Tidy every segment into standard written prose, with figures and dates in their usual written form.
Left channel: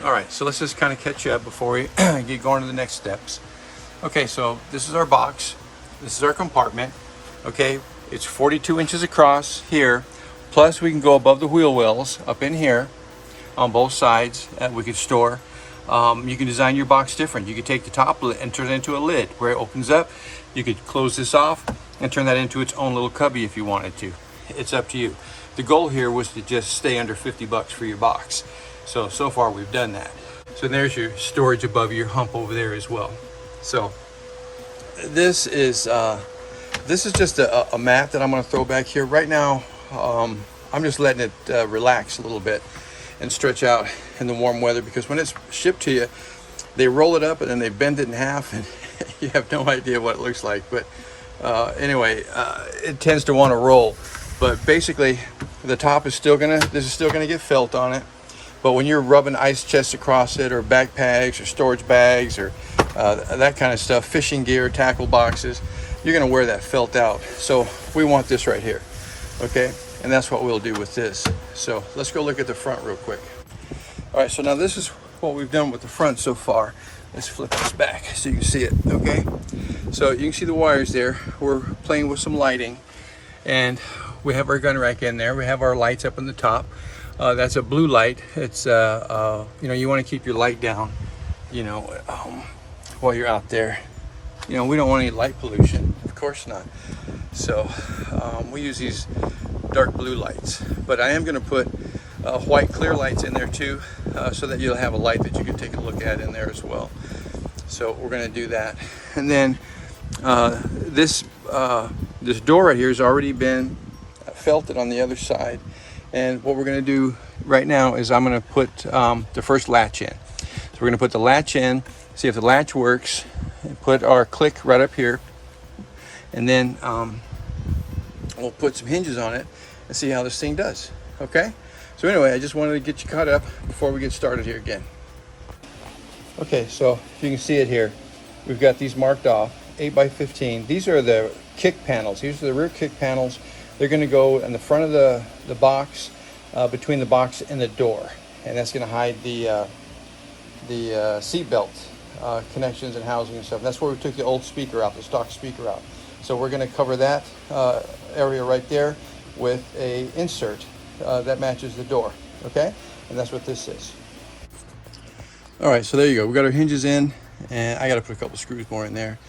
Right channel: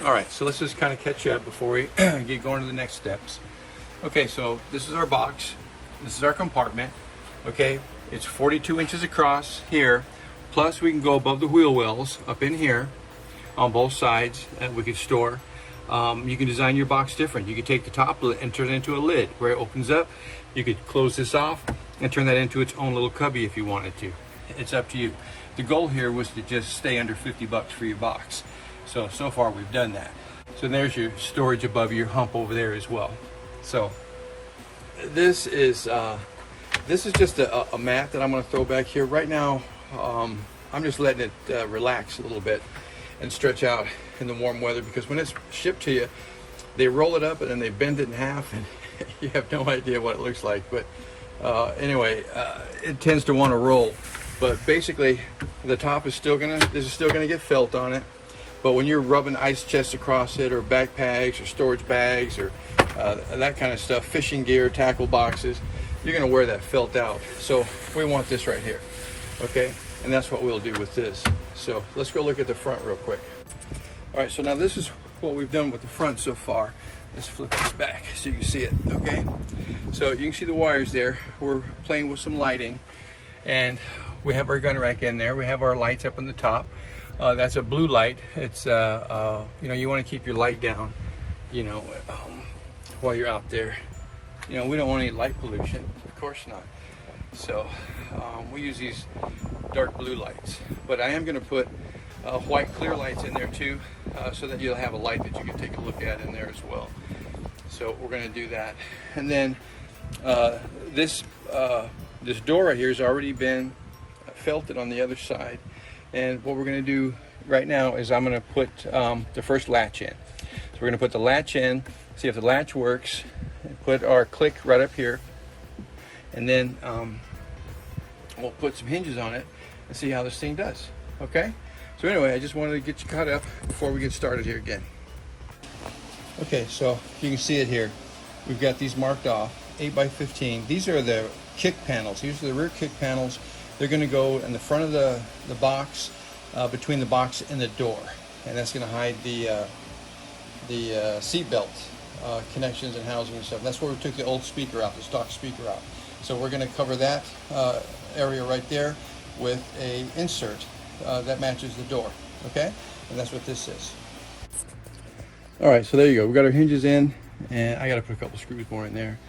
All right, so let's just kind of catch you up before we get going to the next steps. Okay, so this is our box. This is our compartment. Okay, it's 42 inches across here. Plus we can go above the wheel wells up in here on both sides that we could store. You can design your box different. You could take the top and turn it into a lid where it opens up. You could close this off and turn that into its own little cubby if you wanted to. It's up to you. The goal here was to just stay under 50 bucks for your box. So far we've done that. So there's your storage above your hump over there as well. So this is just a mat that I'm going to throw back here. Right now, I'm just letting it relax a little bit and stretch out in the warm weather, because when it's shipped to you, they roll it up and then they bend it in half and you have no idea what it looks like. But anyway, it tends to want to roll. But basically, the top is still gonna get felt on it. But when you're rubbing ice chests across it, or backpacks, or storage bags, or that kind of stuff, fishing gear, tackle boxes, you're gonna wear that felt out. So we want this right here, okay? And that's what we'll do with this. So let's go look at the front real quick. All right, so now this is what we've done with the front so far. Let's flip this back so you can see it, okay? So you can see the wires there. We're playing with some lighting, and we have our gun rack in there. We have our lights up on the top. That's a blue light. It's you know, you want to keep your light down, you know, while you're out there. You know, we don't want any light pollution, of course not. So we use these dark blue lights, but I am going to put white clear lights in there too, so that you'll have a light that you can take a look at in there as well. So we're going to do that. And then this door right here has already been felted on the other side. And what we're going to do right now is I'm going to put the first latch in. So we're going to put the latch in, see if the latch works, and put our click right up here. And then we'll put some hinges on it and see how this thing does. Okay? So anyway, I just wanted to get you caught up before we get started here again. Okay, so if you can see it here, we've got these marked off, 8x15. These are the kick panels. These are the rear kick panels. They're going to go in the front of the box, between the box and the door, and that's going to hide the seat belt connections and housing and stuff. That's where we took the old speaker out, the stock speaker out. So we're going to cover that area right there with a insert that matches the door. Okay, and that's what this is. All right, so there you go. We got our hinges in, and I got to put a couple screws more in there.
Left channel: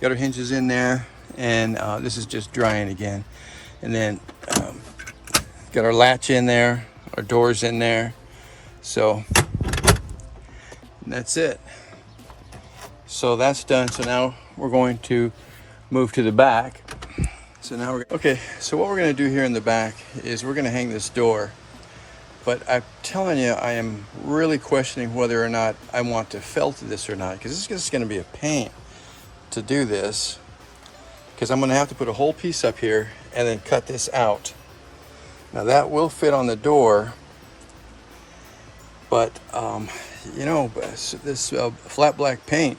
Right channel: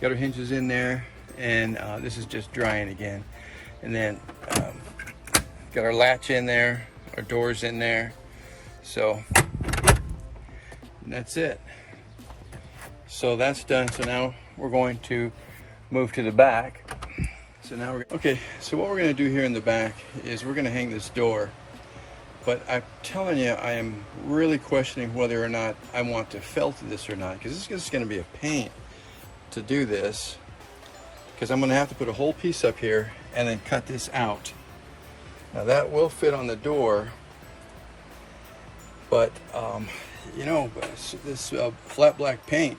Got our hinges in there, and this is just drying again. And then got our latch in there, our doors in there. So that's it. So that's done. So now we're going to move to the back. So now okay, so what we're going to do here in the back is we're going to hang this door. But I'm telling you, I am really questioning whether or not I want to felt this or not, because this is just going to be a pain to do this, because I'm going to have to put a whole piece up here and then cut this out. Now that will fit on the door, but you know, this flat black paint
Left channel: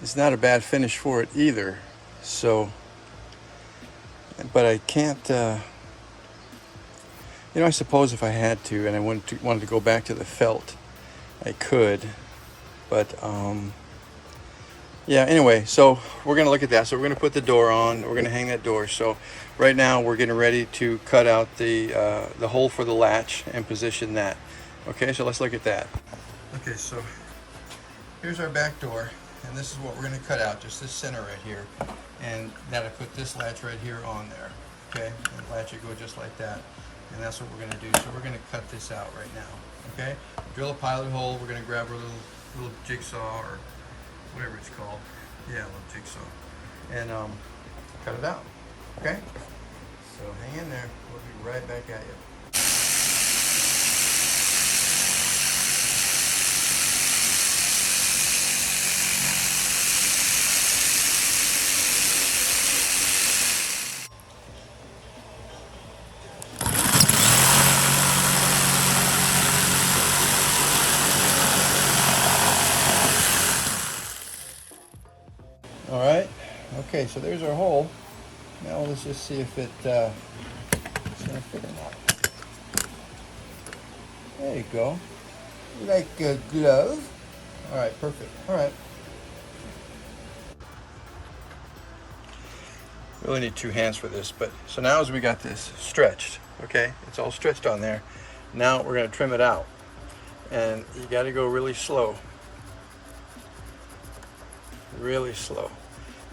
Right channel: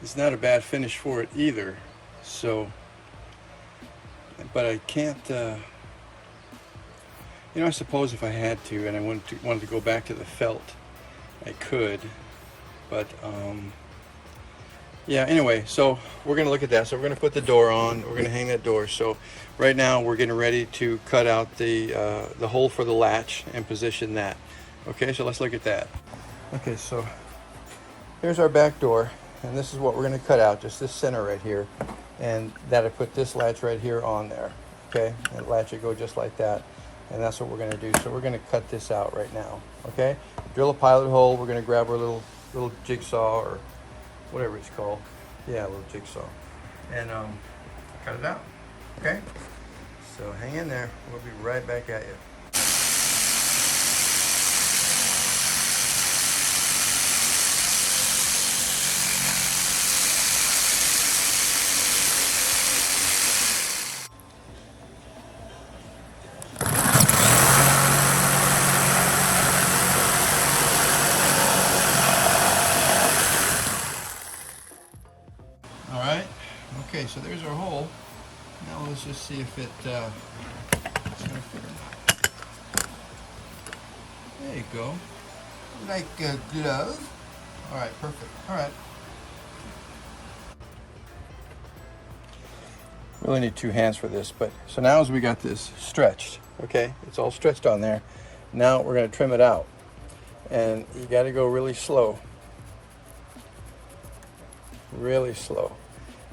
is not a bad finish for it either. So, but I can't, you know, I suppose if I had to and I wanted to go back to the felt, I could, but yeah, anyway, so we're going to look at that. So we're going to put the door on. We're going to hang that door. So right now we're getting ready to cut out the hole for the latch and position that. Okay, so let's look at that. Okay, so here's our back door, and this is what we're going to cut out, just this center right here. And that'll put this latch right here on there. Okay, and latch it go just like that. And that's what we're going to do. So we're going to cut this out right now. Okay, drill a pilot hole. We're going to grab our little jigsaw, or whatever it's called. Yeah, a little jigsaw. And cut it out. Okay? So hang in there. We'll be right back at you. Okay, so there's our hole. Now let's just see if it's gonna fit or not. There you go. Like a glove. All right, perfect. All right. Really need 2 hands for this, but so now as we got this stretched, okay, it's all stretched on there. Now we're gonna trim it out, and you got to go really slow, really slow.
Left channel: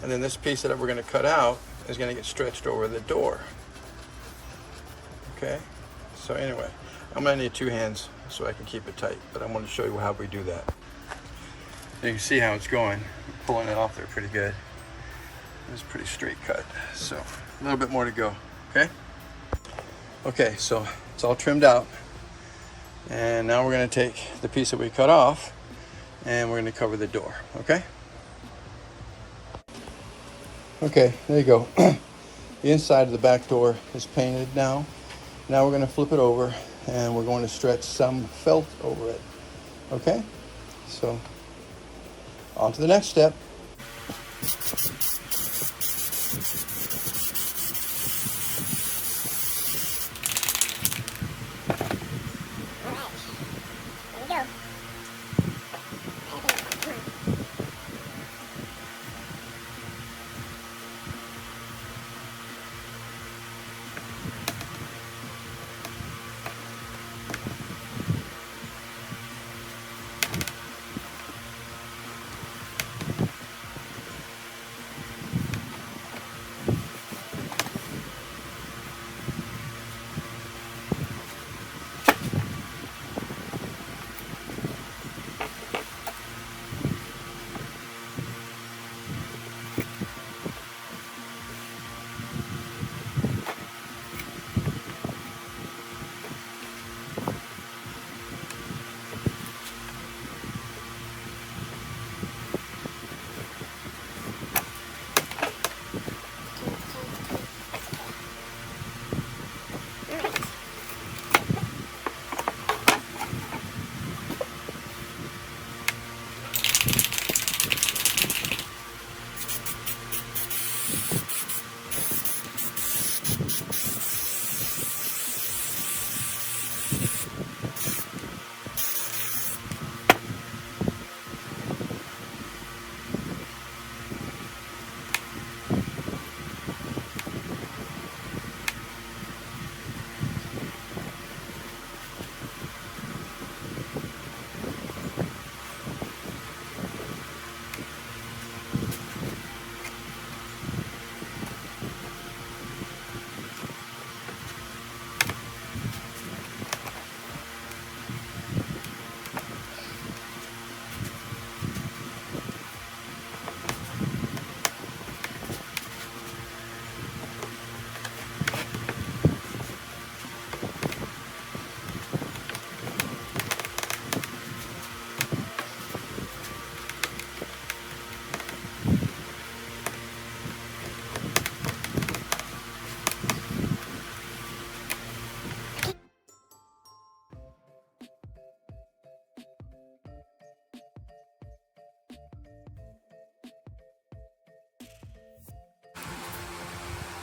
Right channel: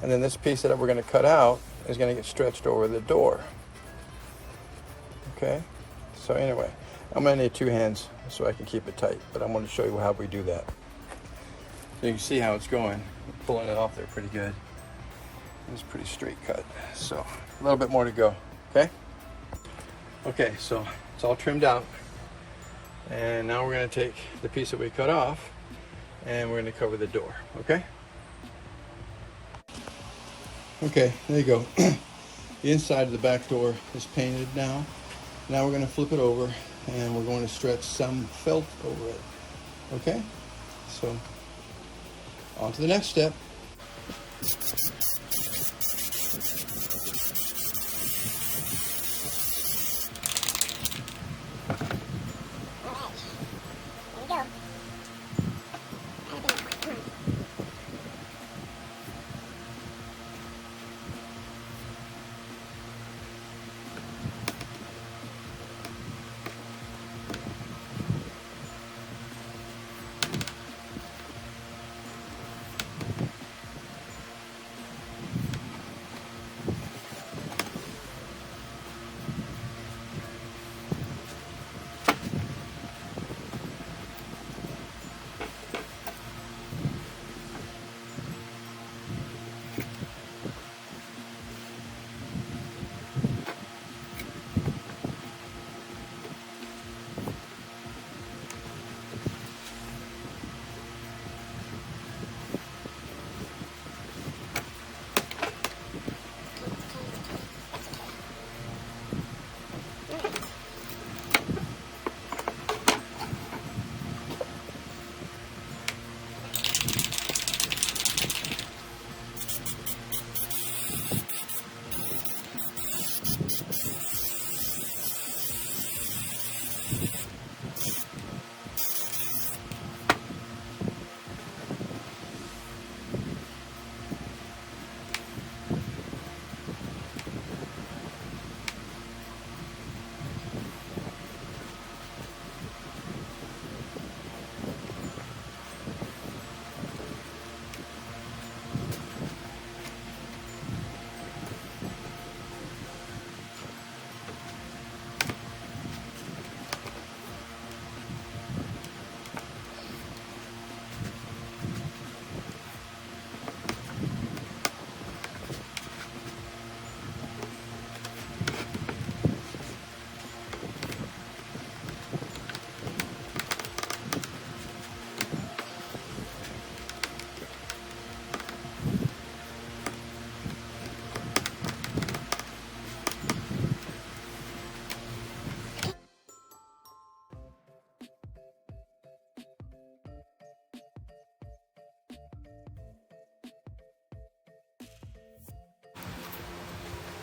And then this piece that we're gonna cut out is gonna get stretched over the door. Okay, so anyway, I'm gonna need 2 hands so I can keep it tight, but I'm gonna show you how we do that. So you can see how it's going. I'm pulling it off there pretty good. It's a pretty straight cut, so a little bit more to go, okay? Okay, so it's all trimmed out, and now we're gonna take the piece that we cut off, and we're gonna cover the door, okay? Okay, there you go. The inside of the back door is painted now. Now we're gonna flip it over, and we're going to stretch some felt over it, okay? So, on to the next step.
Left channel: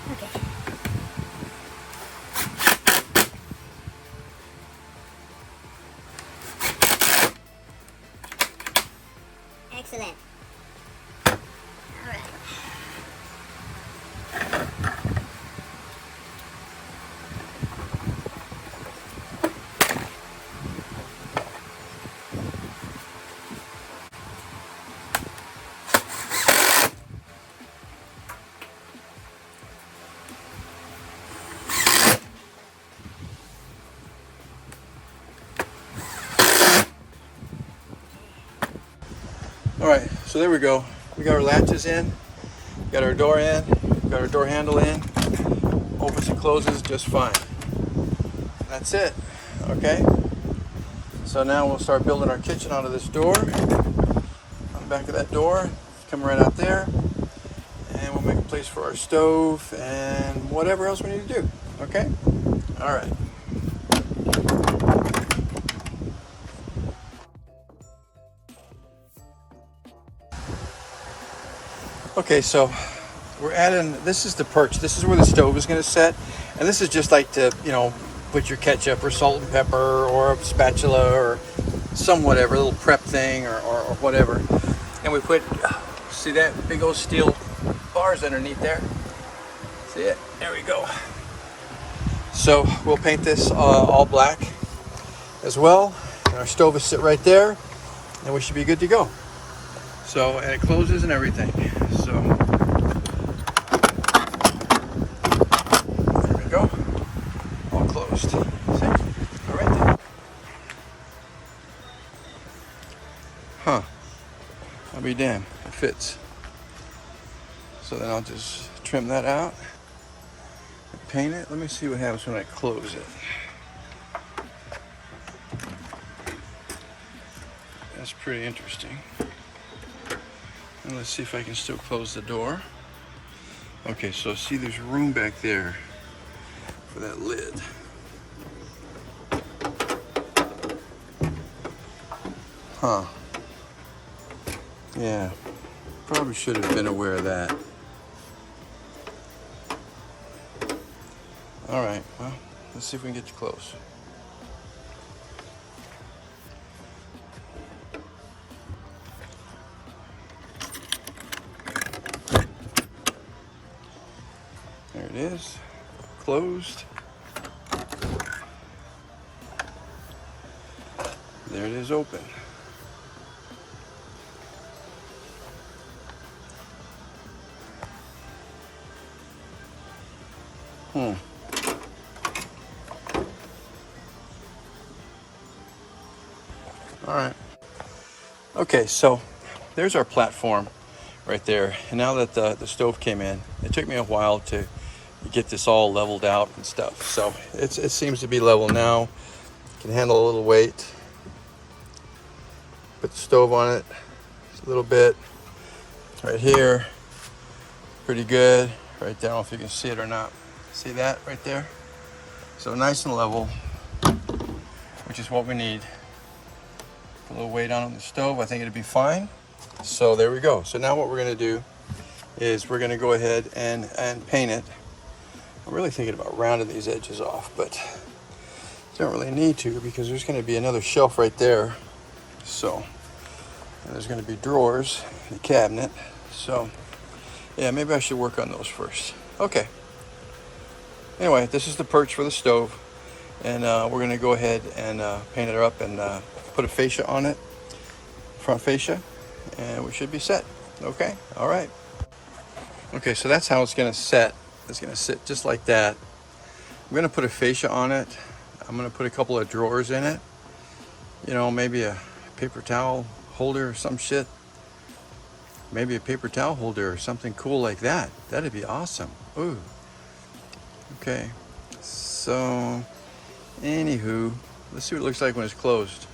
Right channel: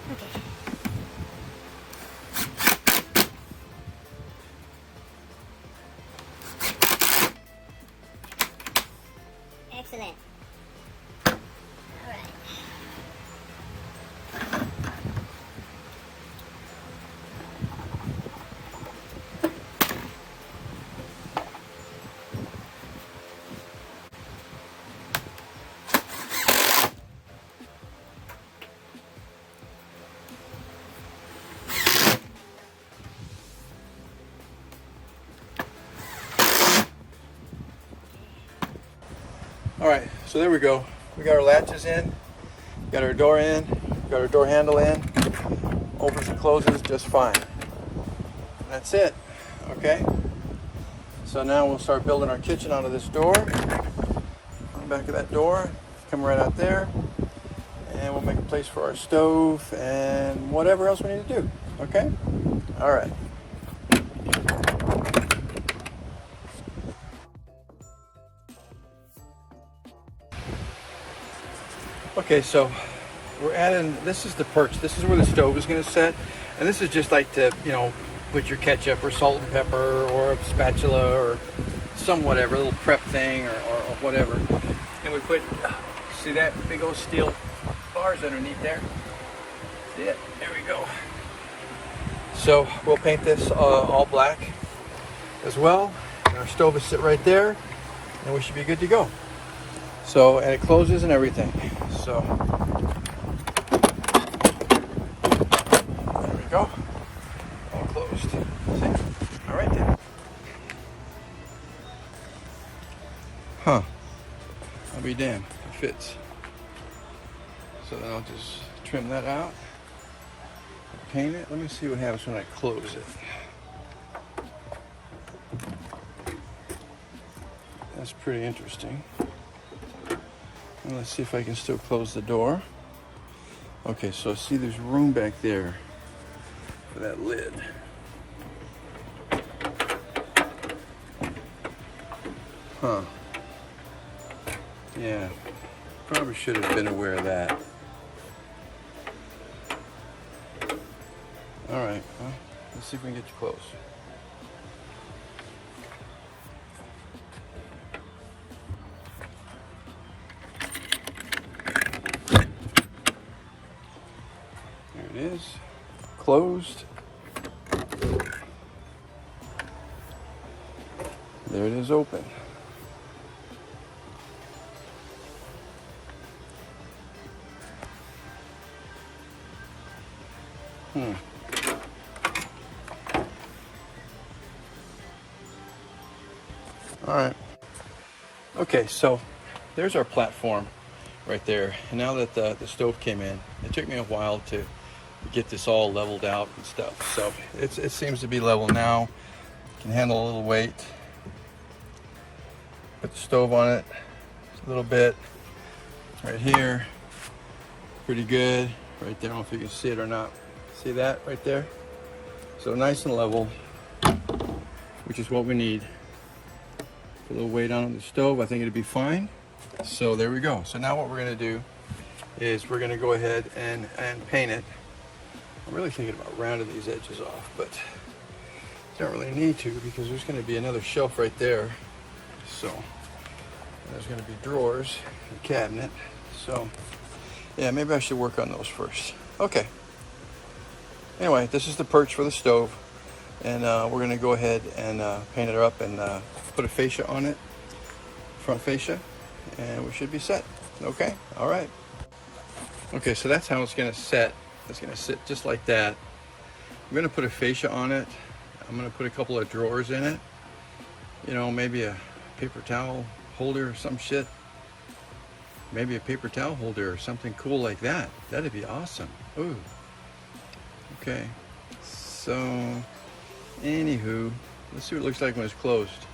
Okay. Excellent. All right. All right, so there we go. We got our latches in, got our door in, got our door handle in, opens and closes just fine. That's it, okay? So now we'll start building our kitchen out of this door. On the back of that door, come right out there, and we'll make a place for our stove and whatever else we need to do, okay? All right. Okay, so we're adding, this is the perch. This is where the stove is going to set. And this is just like to, you know, put your ketchup or salt and pepper or a spatula or some whatever, little prep thing or whatever. And we put, see that big old steel bars underneath there? See it? There we go. So we'll paint this all black as well. And our stove will sit right there and we should be good to go. So, and it closes and everything. So, there we go. All closed. See? All right then. Huh. I'll be damned. It fits. So then I'll just trim that out and paint it. Let me see what happens when I close it. That's pretty interesting. And let's see if I can still close the door. Okay, so see there's room back there for that lid. Huh. Yeah, probably should have been aware of that. All right, well, let's see if we can get you close. There it is, closed. There it is, open. All right. Okay, so there's our platform right there. And now that the stove came in, it took me a while to get this all leveled out and stuff. So it seems to be level now. Can handle a little weight. Put the stove on it a little bit. Right here. Pretty good. Right there. I don't know if you can see it or not. See that right there? So nice and level, which is what we need. Put a little weight on the stove. I think it'll be fine. So there we go. So now what we're going to do is we're going to go ahead and paint it. I'm really thinking about rounding these edges off, but don't really need to because there's going to be another shelf right there. So and there's going to be drawers in the cabinet. So yeah, maybe I should work on those first. Okay. Anyway, this is the perch for the stove, and we're going to go ahead and paint it up and put a fascia on it, front fascia, and we should be set. Okay, all right. Okay, so that's how it's going to set. It's going to sit just like that. I'm going to put a fascia on it. I'm going to put a couple of drawers in it. You know, maybe a paper towel holder or some shit. Maybe a paper towel holder or something cool like that. That'd be awesome. Ooh. Okay, so anywho, let's see what it looks like when it's closed.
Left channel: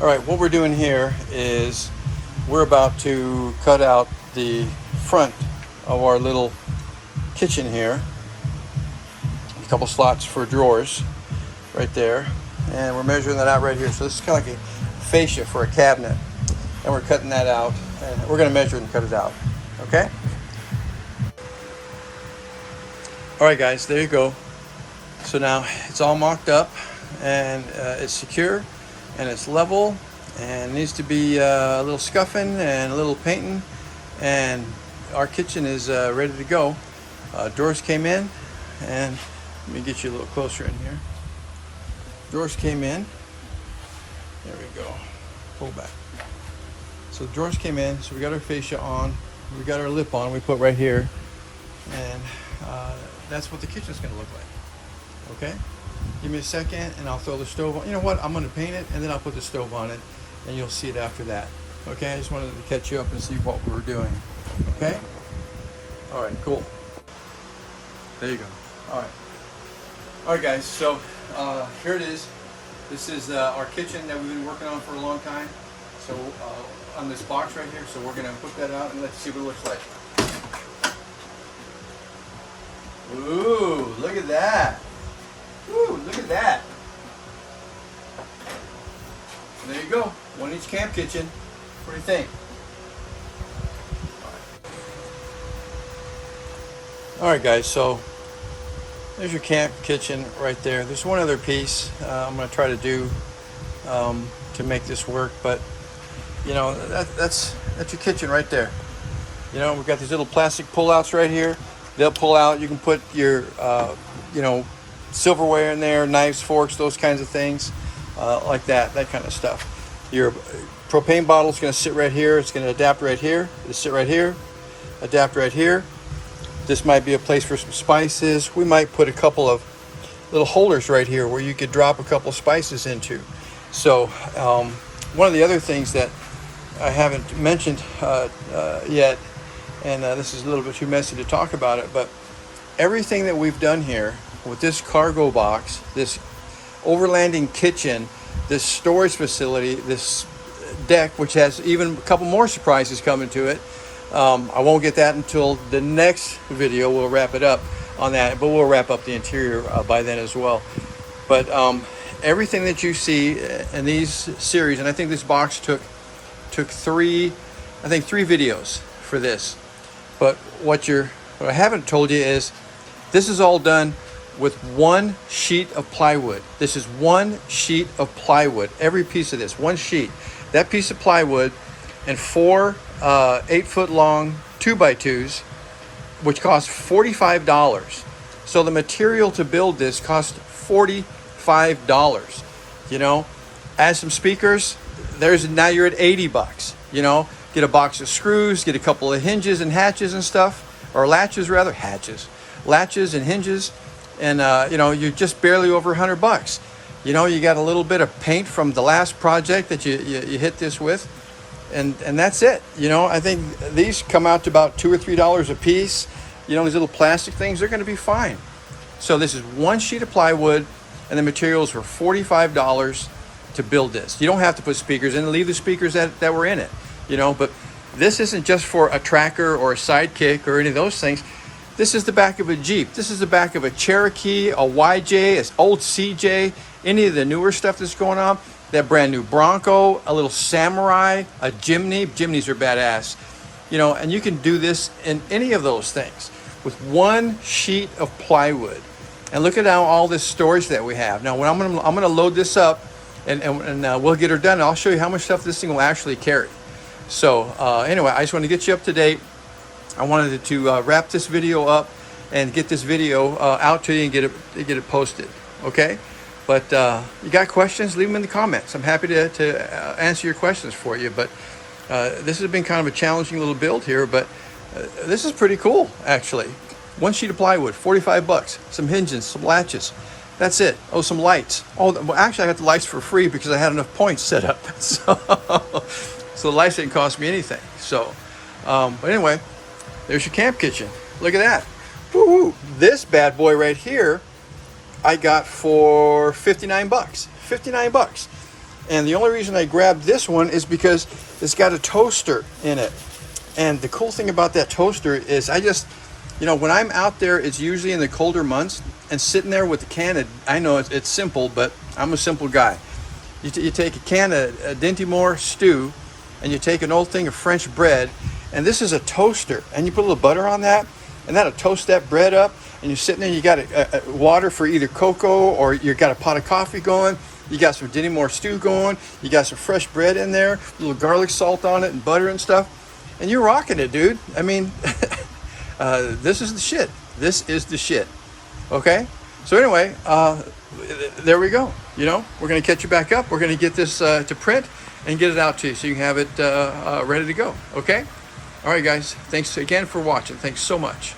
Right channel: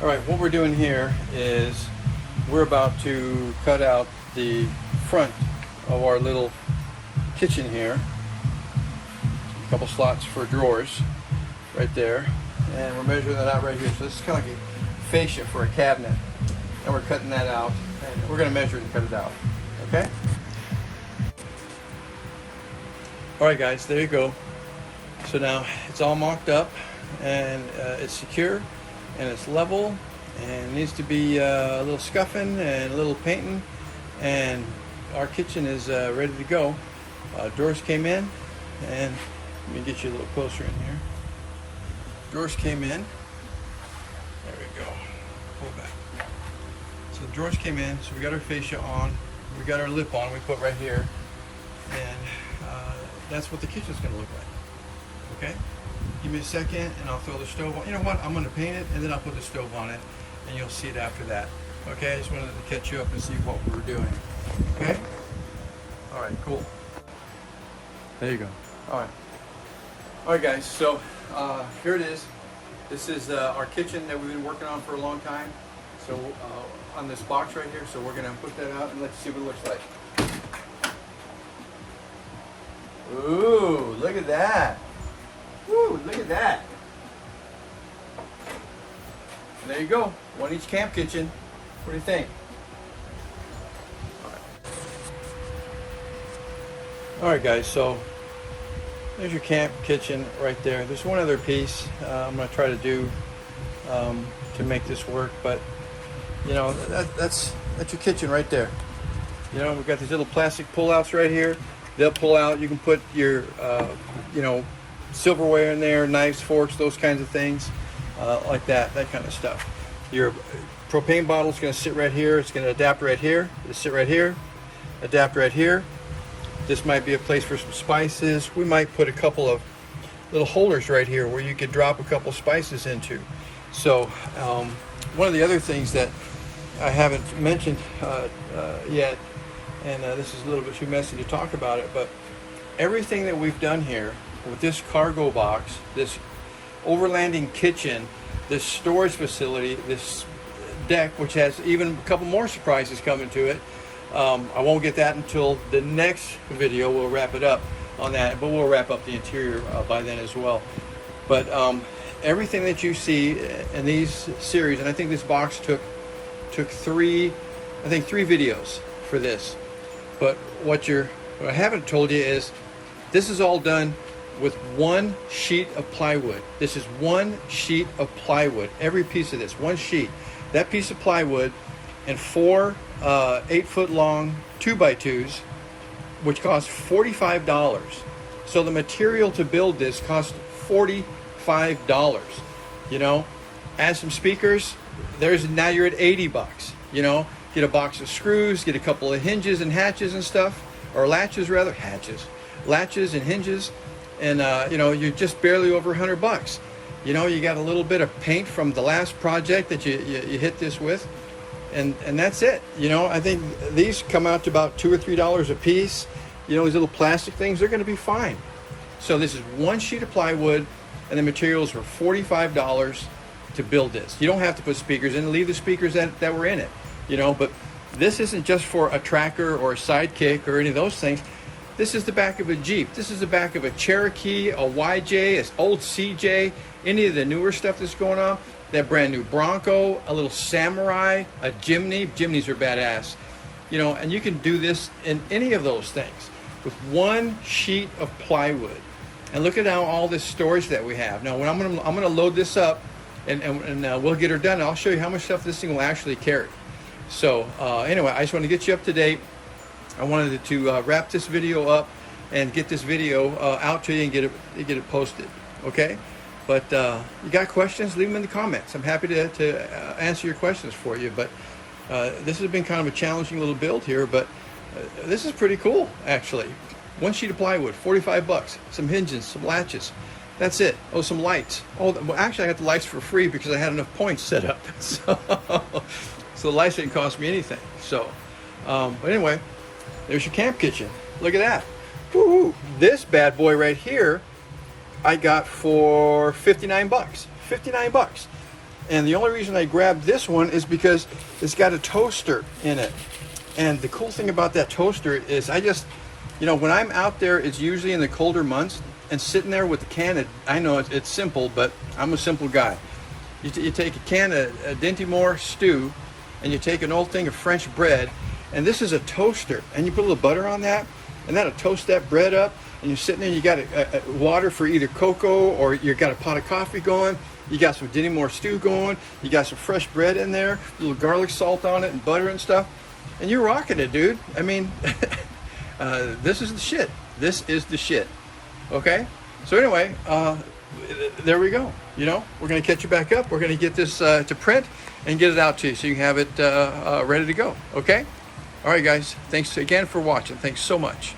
All right, what we're doing here is we're about to cut out the front of our little kitchen here. A couple slots for drawers right there, and we're measuring that out right here. So this is kind of like a fascia for a cabinet, and we're cutting that out, and we're going to measure it and cut it out. Okay. All right, guys, there you go. So now it's all mocked up and it's secure and it's level and it needs to be a little scuffing and a little painting, and our kitchen is ready to go. Drawers came in, and let me get you a little closer in here. Drawers came in. There we go. Pull back. So the drawers came in, so we got our fascia on, we got our lip on, we put right here, and that's what the kitchen's going to look like. Okay? Give me a second and I'll throw the stove on. You know what? I'm going to paint it and then I'll put the stove on it and you'll see it after that. Okay? I just wanted to catch you up and see what we were doing. Okay? All right, cool. There you go. All right. All right, guys. So here it is. This is our kitchen that we've been working on for a long time. So on this box right here. So we're going to put that out and let's see what it looks like. Ooh, look at that. Ooh, look at that. And there you go. One each camp kitchen. What do you think? All right, guys, so there's your camp kitchen right there. There's one other piece I'm going to try to do to make this work, but you know, that's your kitchen right there. You know, we've got these little plastic pullouts right here. They'll pull out. You can put your, you know, silverware in there, knives, forks, those kinds of things, like that kind of stuff. Your propane bottle is going to sit right here. It's going to adapt right here. It'll sit right here, adapt right here. This might be a place for some spices. We might put a couple of little holders right here where you could drop a couple spices into. So one of the other things that I haven't mentioned yet, and this is a little bit too messy to talk about it, but everything that we've done here with this cargo box, this overlanding kitchen, this storage facility, this deck, which has even a couple more surprises coming to it. I won't get that until the next video. We'll wrap it up on that, but we'll wrap up the interior by then as well. But everything that you see in these series, and I think this box took three videos for this. But what I haven't told you is this is all done with one sheet of plywood. This is one sheet of plywood. Every piece of this, one sheet. That piece of plywood and four 8-foot long 2x2s, which cost $45. So the material to build this cost $45. You know, add some speakers. Now you're at 80 bucks. You know, get a box of screws, get a couple of hinges and hatches and stuff, or latches rather, latches and hinges, and you know, you're just barely over 100 bucks. You know, you got a little bit of paint from the last project that you hit this with, and that's it. You know, I think these come out to about $2 or $3 a piece. You know, these little plastic things, they're going to be fine. So this is one sheet of plywood, and the materials were $45 to build this. You don't have to put speakers in. Leave the speakers that were in it. You know, but this isn't just for a tracker or a sidekick or any of those things. This is the back of a Jeep. This is the back of a Cherokee, a YJ, an old CJ, any of the newer stuff that's going on. That brand new Bronco, a little Samurai, a Jimny. Jimnys are badass. You know, and you can do this in any of those things with one sheet of plywood. And look at now all this storage that we have. Now, when I'm gonna load this up, and we'll get her done. And I'll show you how much stuff this thing will actually carry. So anyway, I just want to get you up to date. I wanted to wrap this video up and get this video out to you and get it posted. Okay, but you got questions? Leave them in the comments. I'm happy to answer your questions for you. But this has been kind of a challenging little build here, but this is pretty cool actually. One sheet of plywood, 45 bucks. Some hinges, some latches. That's it. Oh, some lights. Oh, well, actually, I got the lights for free because I had enough points set up. So the lights didn't cost me anything. So, but anyway, there's your camp kitchen. Look at that. Woo-hoo. This bad boy right here, I got for 59 bucks. 59 bucks. And the only reason I grabbed this one is because it's got a toaster in it. And the cool thing about that toaster is you know, when I'm out there, it's usually in the colder months, and sitting there with a can of, I know it's simple, but I'm a simple guy. You take a can of Dinty stew, and you take an old thing of French bread, and this is a toaster, and you put a little butter on that, and that'll toast that bread up, and you're sitting there, you got a water for either cocoa, or you got a pot of coffee going, you got some Dinty stew going, you got some fresh bread in there, a little garlic salt on it, and butter and stuff, and you're rocking it, dude. I mean, this is the shit. This is the shit. Okay? So anyway, there we go. You know, we're going to catch you back up. We're going to get this to print and get it out to you so you can have it ready to go. Okay? All right, guys. Thanks again for watching. Thanks so much.